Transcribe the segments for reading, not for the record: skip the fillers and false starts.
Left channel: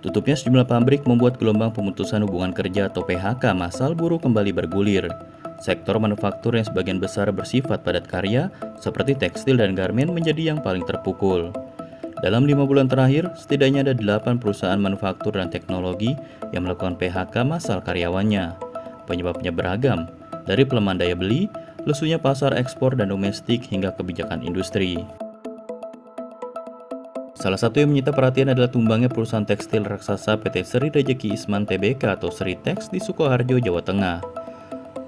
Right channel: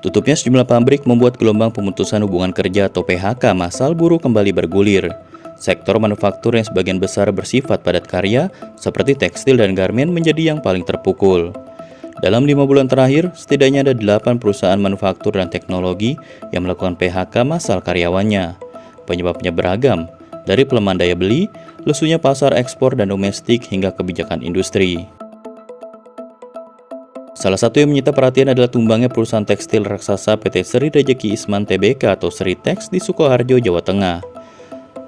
Tutupnya sejumlah pabrik membuat gelombang pemutusan hubungan kerja atau PHK massal buruh kembali bergulir. Sektor manufaktur yang sebagian besar bersifat padat karya, seperti tekstil dan garmen menjadi yang paling terpukul. Dalam 5 bulan terakhir, setidaknya ada 8 perusahaan manufaktur dan teknologi yang melakukan PHK massal karyawannya. Penyebabnya beragam, dari pelemahan daya beli, lesunya pasar ekspor dan domestik hingga kebijakan industri. Salah satu yang menyita perhatian adalah tumbangnya perusahaan tekstil raksasa PT Seri Rejeki Isman Tbk atau Seritex di Sukoharjo, Jawa Tengah.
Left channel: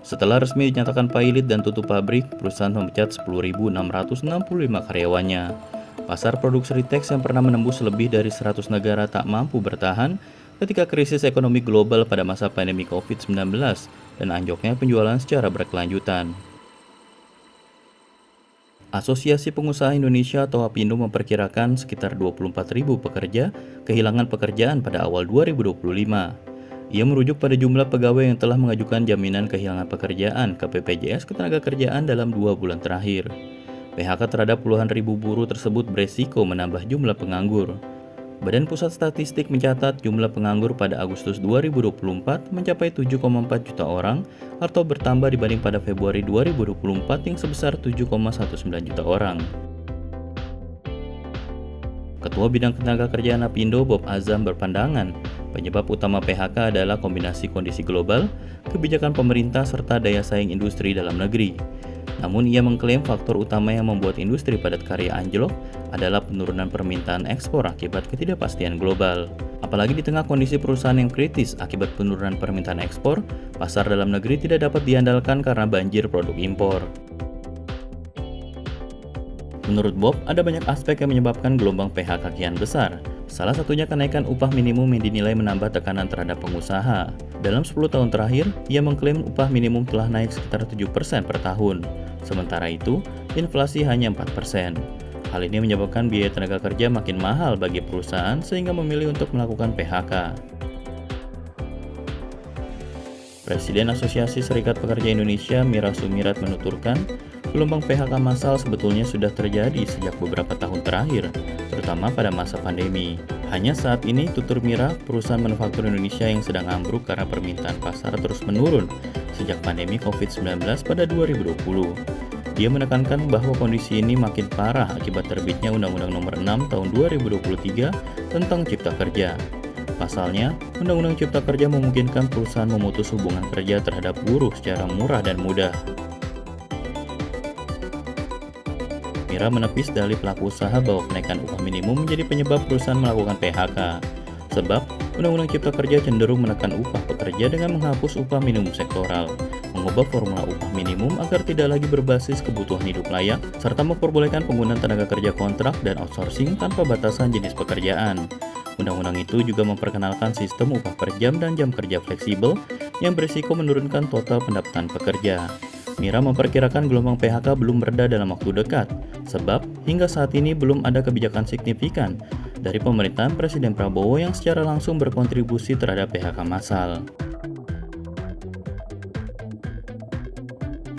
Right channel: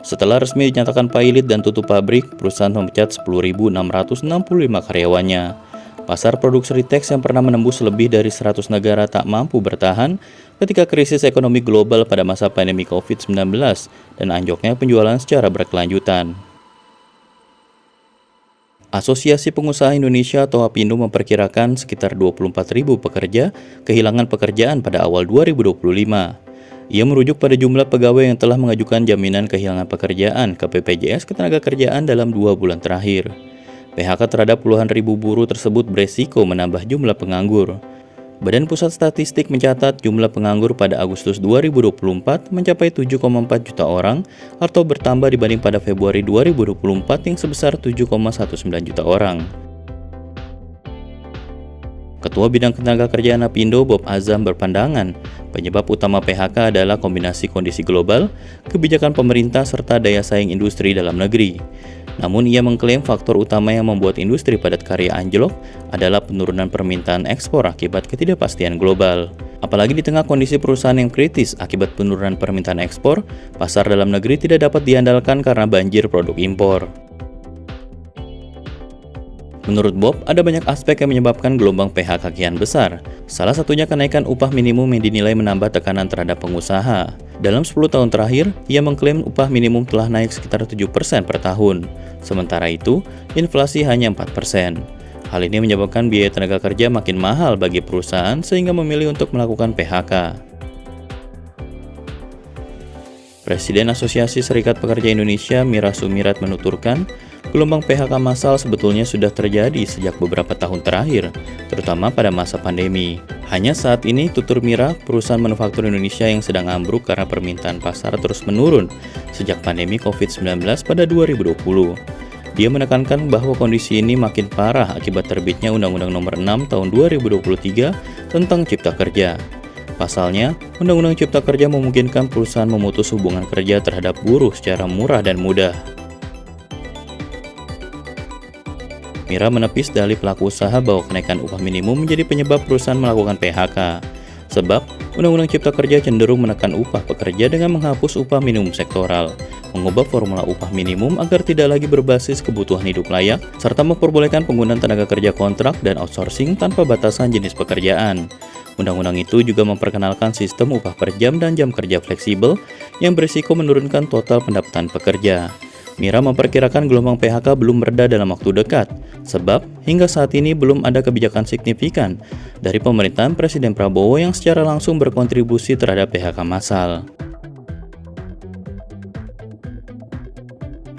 Setelah resmi dinyatakan pailit dan tutup pabrik, perusahaan memecat 10.665 karyawannya. Pasar produk Seritex yang pernah menembus lebih dari 100 negara tak mampu bertahan ketika krisis ekonomi global pada masa pandemi COVID-19 dan anjloknya penjualan secara berkelanjutan. Asosiasi Pengusaha Indonesia atau APindo memperkirakan sekitar 24.000 pekerja kehilangan pekerjaan pada awal 2025. Ia merujuk pada jumlah pegawai yang telah mengajukan jaminan kehilangan pekerjaan ke BPJS Ketenagakerjaan dalam 2 bulan terakhir. PHK terhadap puluhan ribu buruh tersebut beresiko menambah jumlah penganggur. Badan Pusat Statistik mencatat jumlah penganggur pada Agustus 2024 mencapai 7,4 juta orang atau bertambah dibanding pada Februari 2024 yang sebesar 7,19 juta orang. Ketua Bidang Ketenagakerjaan APindo Bob Azam berpandangan penyebab utama PHK adalah kombinasi kondisi global, kebijakan pemerintah serta daya saing industri dalam negeri. Namun ia mengklaim faktor utama yang membuat industri padat karya anjlok adalah penurunan permintaan ekspor akibat ketidakpastian global. Apalagi di tengah kondisi perusahaan yang kritis akibat penurunan permintaan ekspor, pasar dalam negeri tidak dapat diandalkan karena banjir produk impor. Menurut Bob, ada banyak aspek yang menyebabkan gelombang PHK kian besar. Salah satunya kenaikan upah minimum yang dinilai menambah tekanan terhadap pengusaha. Dalam 10 tahun terakhir, ia mengklaim upah minimum telah naik sekitar 7% per tahun. Sementara itu, inflasi hanya 4%. Hal ini menyebabkan biaya tenaga kerja makin mahal bagi perusahaan sehingga memilih untuk melakukan PHK. Presiden Asosiasi Serikat Pekerja Indonesia Mira Sumirat menuturkan, gelombang PHK massal sebetulnya sudah terjadi sejak beberapa tahun terakhir, terutama pada masa pandemi. Hanya saat ini, tutur Mira, perusahaan manufaktur Indonesia yang sedang ambruk karena permintaan pasar terus menurun sejak pandemi COVID-19 pada 2020. Dia menekankan bahwa kondisi ini makin parah akibat terbitnya Undang-Undang Nomor 6 Tahun 2023 tentang Cipta Kerja. Pasalnya, Undang-Undang Cipta Kerja memungkinkan perusahaan memutus hubungan kerja terhadap buruh secara murah dan mudah. Mira menepis dalih pelaku usaha bahwa kenaikan upah minimum menjadi penyebab perusahaan melakukan PHK. Sebab, Undang-Undang Cipta Kerja cenderung menekan upah pekerja dengan menghapus upah minimum sektoral, mengubah formula upah minimum agar tidak lagi berbasis kebutuhan hidup layak, serta memperbolehkan penggunaan tenaga kerja kontrak dan outsourcing tanpa batasan jenis pekerjaan. Undang-undang itu juga memperkenalkan sistem upah per jam dan jam kerja fleksibel yang berisiko menurunkan total pendapatan pekerja. Mira memperkirakan gelombang PHK belum mereda dalam waktu dekat, sebab hingga saat ini belum ada kebijakan signifikan dari pemerintahan Presiden Prabowo yang secara langsung berkontribusi terhadap PHK massal.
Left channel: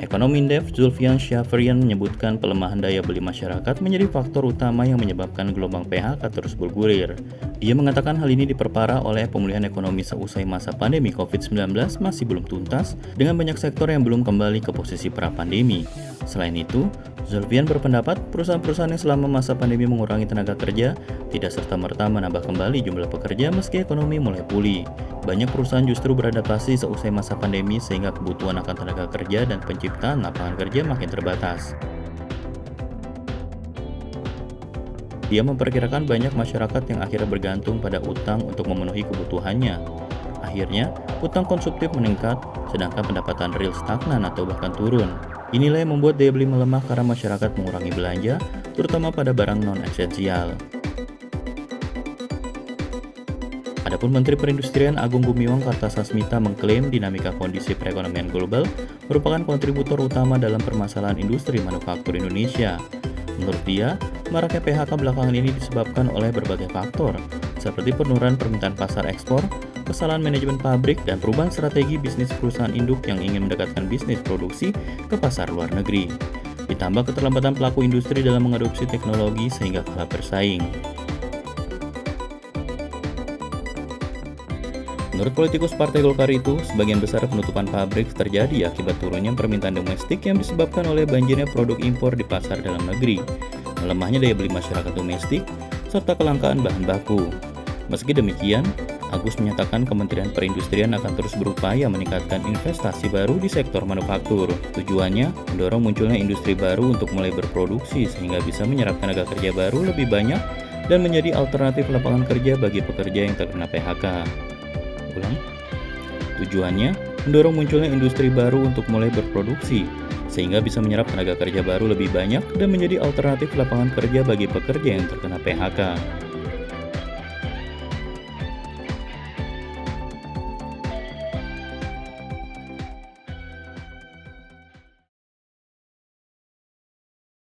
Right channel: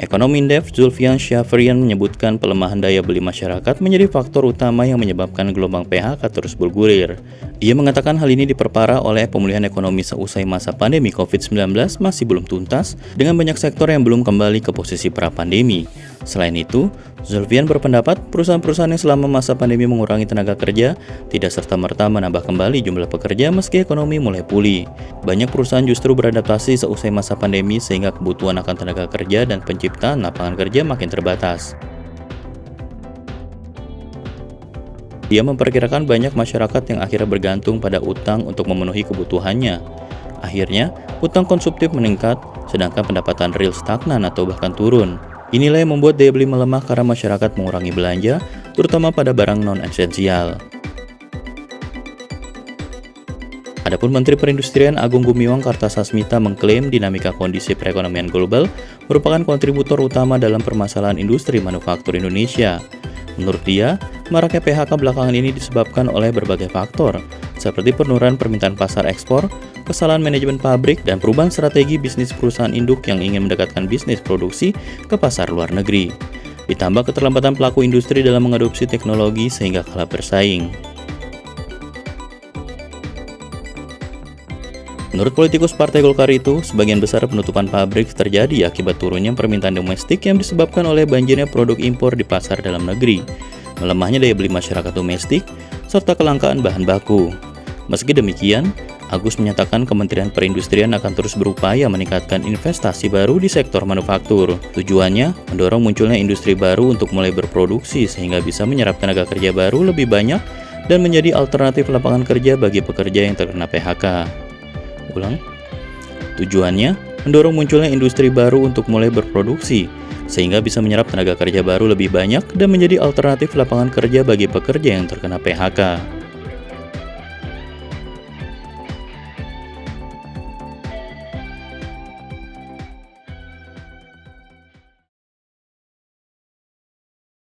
Ekonom Indef Zulfian Syafrian menyebutkan pelemahan daya beli masyarakat menjadi faktor utama yang menyebabkan gelombang PHK terus bergulir. Ia mengatakan hal ini diperparah oleh pemulihan ekonomi seusai masa pandemi COVID-19 masih belum tuntas dengan banyak sektor yang belum kembali ke posisi pra-pandemi. Selain itu, Zulfian berpendapat perusahaan-perusahaan yang selama masa pandemi mengurangi tenaga kerja tidak serta-merta menambah kembali jumlah pekerja meski ekonomi mulai pulih. Banyak perusahaan justru beradaptasi seusai masa pandemi sehingga kebutuhan akan tenaga kerja dan penciptaan lapangan kerja makin terbatas. Dia memperkirakan banyak masyarakat yang akhirnya bergantung pada utang untuk memenuhi kebutuhannya. Akhirnya, utang konsumtif meningkat, sedangkan pendapatan real stagnan atau bahkan turun. Inilah yang membuat daya beli melemah karena masyarakat mengurangi belanja, terutama pada barang non-esensial. Adapun Menteri Perindustrian Agung Gumiwang Kartasasmita mengklaim dinamika kondisi perekonomian global merupakan kontributor utama dalam permasalahan industri manufaktur Indonesia. Menurut dia, maraknya PHK belakangan ini disebabkan oleh berbagai faktor, seperti penurunan permintaan pasar ekspor, kesalahan manajemen pabrik, dan perubahan strategi bisnis perusahaan induk yang ingin mendekatkan bisnis produksi ke pasar luar negeri. Ditambah keterlambatan pelaku industri dalam mengadopsi teknologi sehingga kalah bersaing. Menurut politikus Partai Golkar itu, sebagian besar penutupan pabrik terjadi akibat turunnya permintaan domestik yang disebabkan oleh banjirnya produk impor di pasar dalam negeri, melemahnya daya beli masyarakat domestik, serta kelangkaan bahan baku. Meski demikian, Agus menyatakan Kementerian Perindustrian akan terus berupaya meningkatkan investasi baru di sektor manufaktur. Tujuannya, mendorong munculnya industri baru untuk mulai berproduksi sehingga bisa menyerap tenaga kerja baru lebih banyak dan menjadi alternatif lapangan kerja bagi pekerja yang terkena PHK. Tujuannya, mendorong munculnya industri baru untuk mulai berproduksi, sehingga bisa menyerap tenaga kerja baru lebih banyak dan menjadi alternatif lapangan kerja bagi pekerja yang terkena PHK.